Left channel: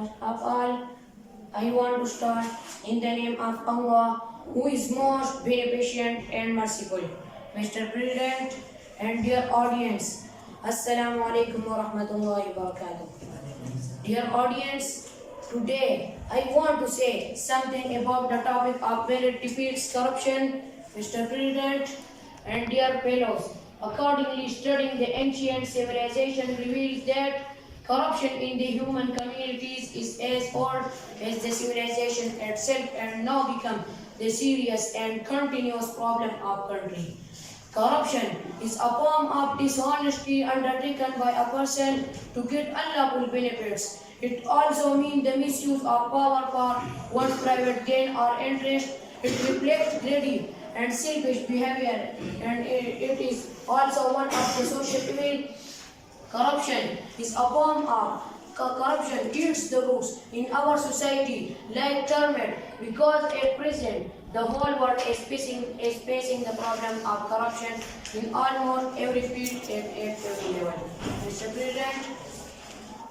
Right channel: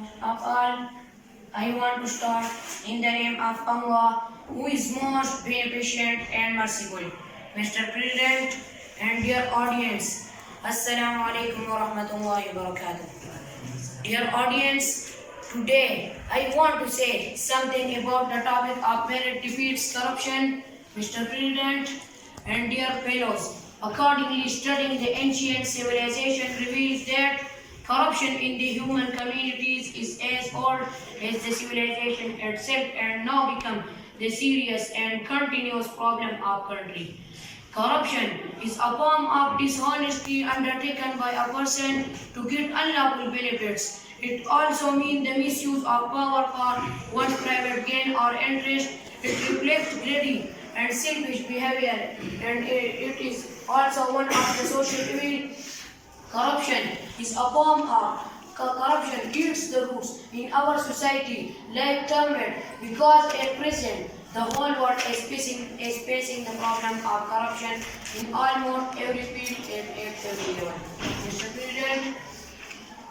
First of all, I want to start in the name of Allah, who is most beneficent and merciful. Mr. President and dear audience, Assalamu alaikum wa rahmatullahi wa barakatuh. Dear audience, today I want to say something about the topic of merit defeats corruption. Mr. President and dear fellows, accordingly studying the ancient civilization reveals that corruption in the human communities is as old as the civilization itself and now become the serious and continuous problem of country. Corruption is a form of dishonesty undertaken by a person to get unlawful benefits. It also means the misuse of power for one's private gain or interest. It reflects greedy and selfish behavior, and it is also one of the social evil. Corruption is a form of corruption eats the roots in our society like termite because at present the whole world is facing the problem of corruption in almost every field and at every level. Mr. President,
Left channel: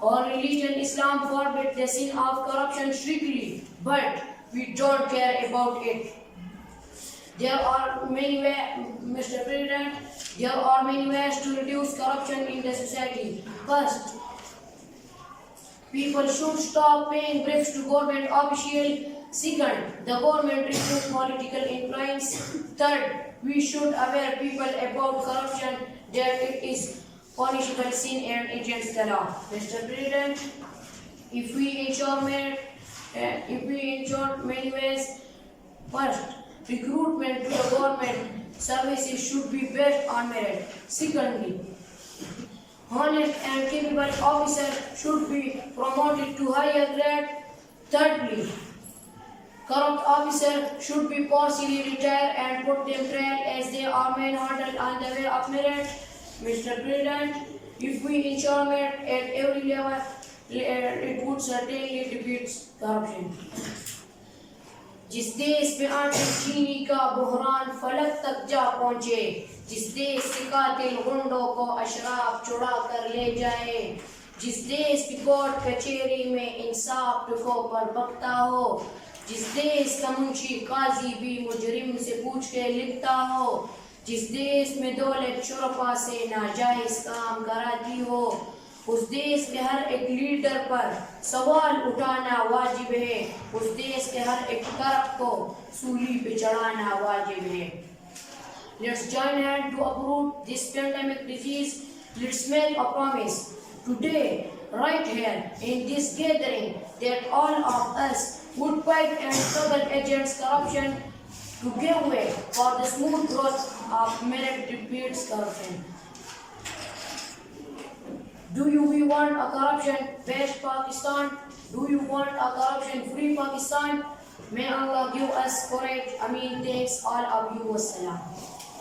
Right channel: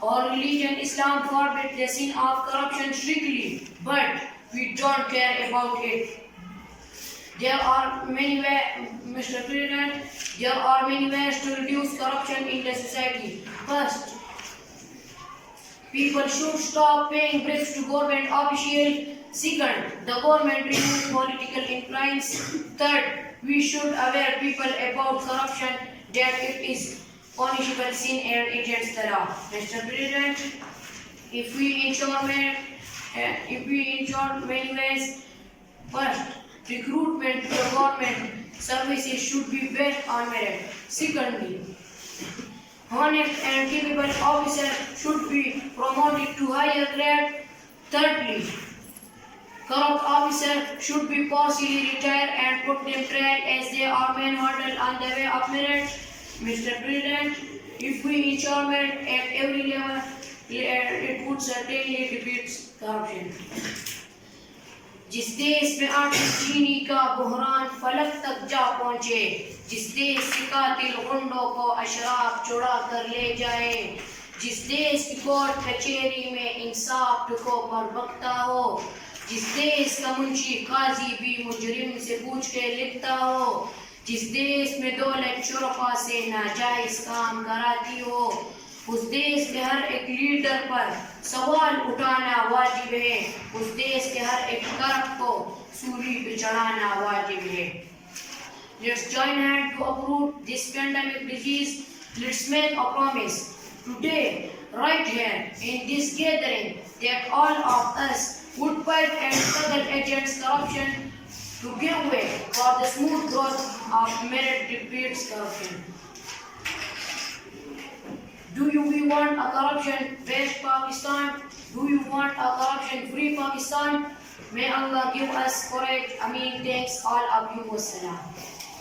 our religion Islam forbids the sin of corruption strictly, but we don't care about it. There are many ways, Mr. President, there are many ways to reduce corruption in the society. First, people should stop paying bribes to government officials. Second, the government remove political influence. Third, we should aware people about corruption that it is punishable sin and against the law. Mr. President, if we ensure many ways, first, recruitment to the government services should be based on merit. Secondly, honest and capable officers should be promoted to higher grade. Thirdly, corrupt officers should be partially retired and put them trial as they are main hurdle on the way of merit. Mr. President, if we ensure merit at every level, it would certainly defeat corruption. जिस देश में आटे चीनी का बुहरान फलक तक जा पहुँचे, जिस देश के कातिल गुंडों को अशराफ चुरा कर ले जाए, जिस देश की कोर्ट कचहरी में इंसाफ टुकों पर बकता हो, जिस देश का मुंशी काजी भी मुजरिम से पूछ के लिखता हो, जिस देश में दौलत शुरफा से नाजायज काम कराती हो, उस देश के हर एक लीडर पर सवाल उठाना वाजिब है, उस देश के हर एक करप को सूली पे चढ़ाना वाजिब है. Let's join hands to uproot this pandemic disease. Let's make a promise today, right here in this gathering, that all of us would fight and struggle against corruption to give way for the smooth growth of merit defeats corruption. Do we want a corruption-based Pakistan? Do you want a corruption-free Pakistan? May Allah give us courage. Ameen. Thanks all of you. Wassalam.